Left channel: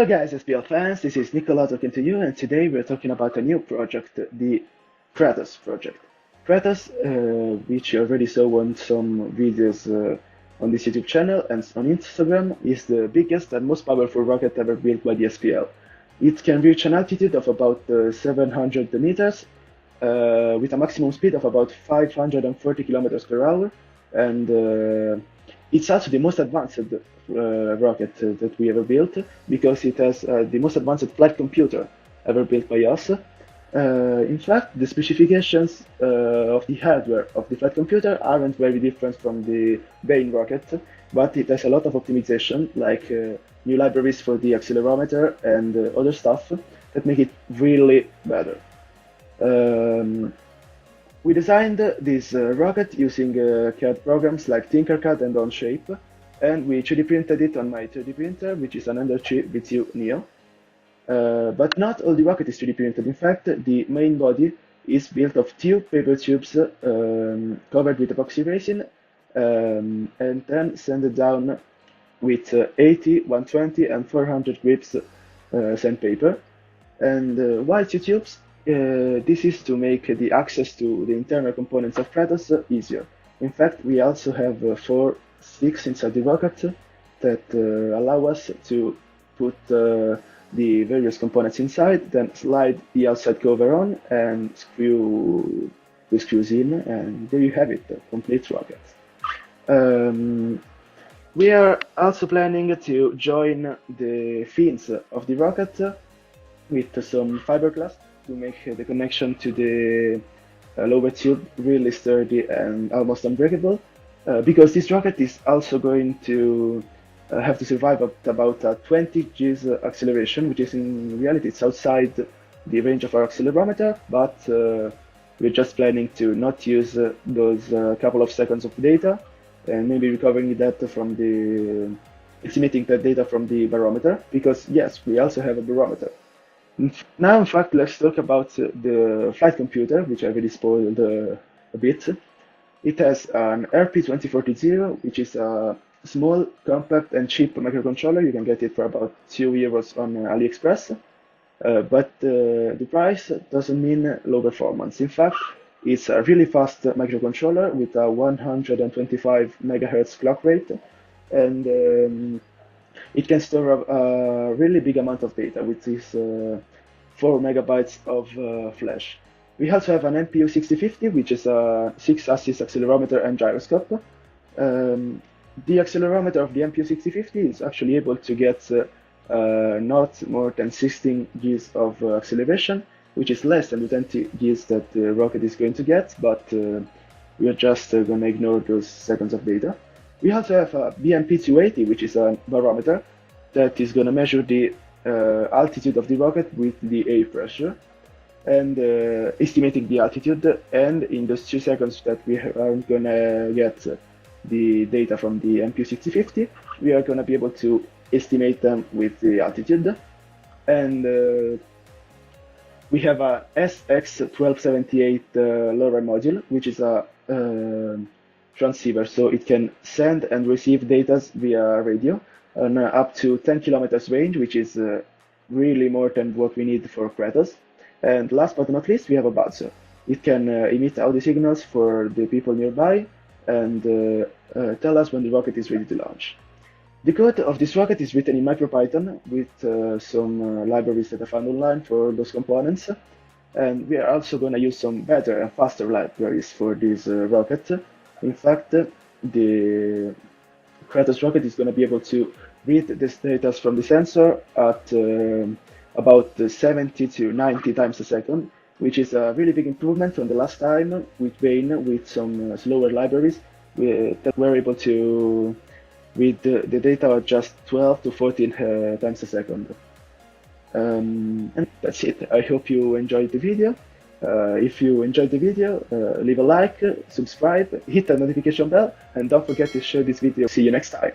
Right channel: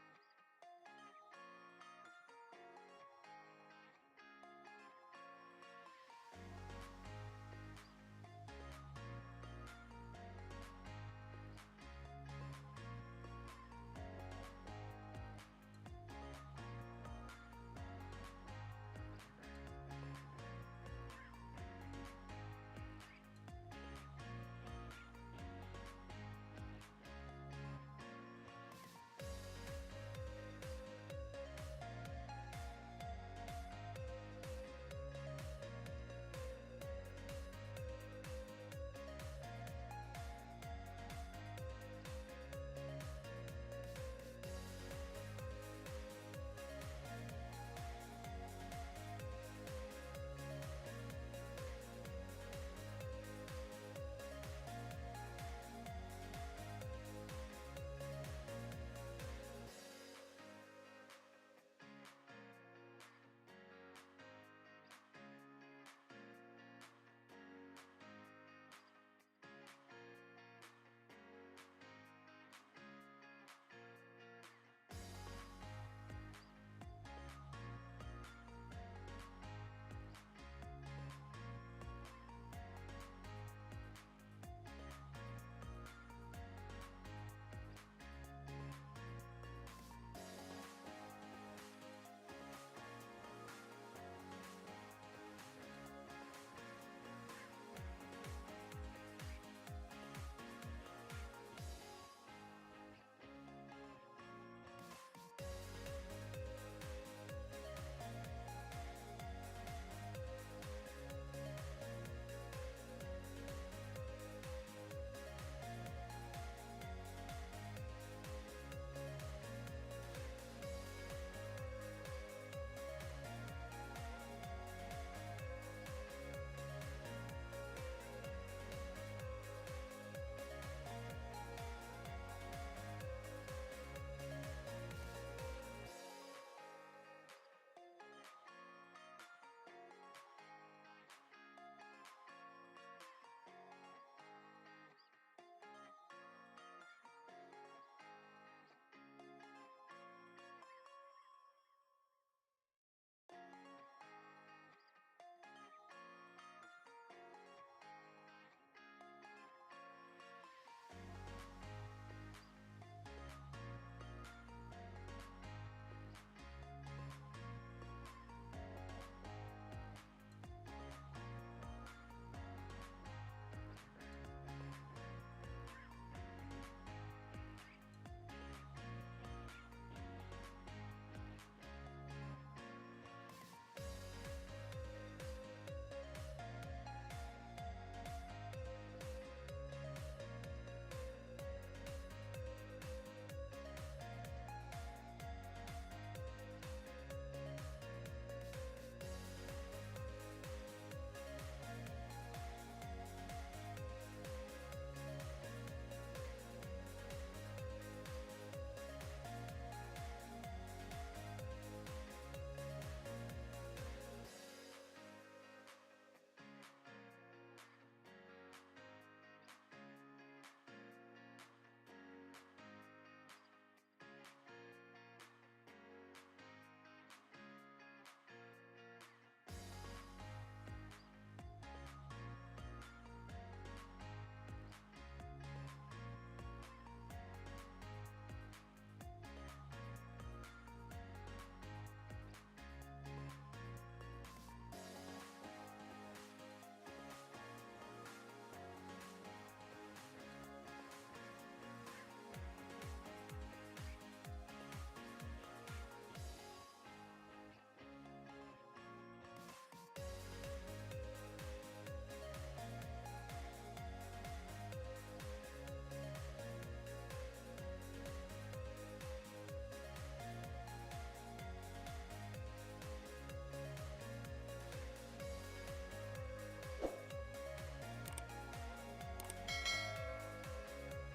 Hello guys, SPL fans, this is Nicola talking to you, and today we're talking about a new project, the Kratos project. Kratos, which you already saw on some videos on this YouTube channel and on Instagram, is the biggest and most powerful rocket ever built by the SPL. It can reach an altitude of about 700 meters, with a maximum speed of about 540 kilometers per hour, and it's also the most advanced rocket that we ever built, because it has the most advanced flight computer ever built by us. In fact, the specifications of the hardware of the flight computer aren't very different from the main rocket, but it has a lot of optimization, like new libraries for the accelerometer and other stuff that make it really better. We designed this rocket using CAD programs like Tinkercad and Onshape, and we 3D printed it on my 3D printer, which is an Ender3 V2 Neo. But not all the rocket is 3D printed. In fact, the main body is built of two paper tubes covered with epoxy resin, and then sanded down with 80, 120, and 400 grips sandpaper. And why two tubes? This is to make the access to the internal components of Kratos easier. In fact, we also have 4 sticks inside the rocket that allow us to put the various components inside, then slide the outside cover on and screw the screws in, and there you have it, a complete rocket. We are also planning to join the fins of the rocket with some fiberglass to make the connection to the lower tube really sturdy and almost unbreakable, because this rocket is also going to have to survive at about 20 G's acceleration, which is in reality it's outside the range of our accelerometer, but we're just planning to not use those couple of seconds of data, and maybe recovering that from estimating that data from the barometer, because yes, we also have a barometer. Now, in fact, let's talk about the flight computer, which I already spoiled a bit. It has an RP2040, which is a small, compact, and cheap microcontroller. You can get it for about €2 on AliExpress. But the price doesn't mean low performance. In fact, it's a really fast microcontroller with a 125 megahertz clock rate, and it can store a really big amount of data, which is 4 megabytes of flash. We also have an MPU 6050, which is a 6-axis accelerometer and gyroscope. The accelerometer of the MPU 6050 is actually able to get not more than 16 Gs of acceleration, which is less than the 20 Gs that the rocket is going to get, but we are just going to ignore those seconds of data. We also have a BMP280, which is a barometer that is going to measure the altitude of the rocket with the air pressure, and estimating the altitude, and in those 2 seconds that we are going to get the data from the MPU 6050, we are going to be able to estimate them with the altitude. And we have a SX1278 LoRa module, which is a transceiver, so it can send and receive data via radio on up to 10 kilometers range, which is really more than what we need for Kratos. And last but not least, we have a buzzer. It can emit audio signals for the people nearby and tell us when the rocket is ready to launch. The code of this rocket is written in MicroPython with some libraries that I found online for those components, and we are also going to use some better and faster libraries for this rocket. In fact, the Kratos rocket is going to be able to read this data from the sensor at about 70 to 90 times a second, which is a really big improvement from the last time with Bane, with some slower libraries that were able to read the data at just 12 to 14 times a second. And that's it. I hope you enjoyed the video. If you enjoyed the video, leave a like, subscribe, hit the notification bell, and don't forget to share this video. See you next time.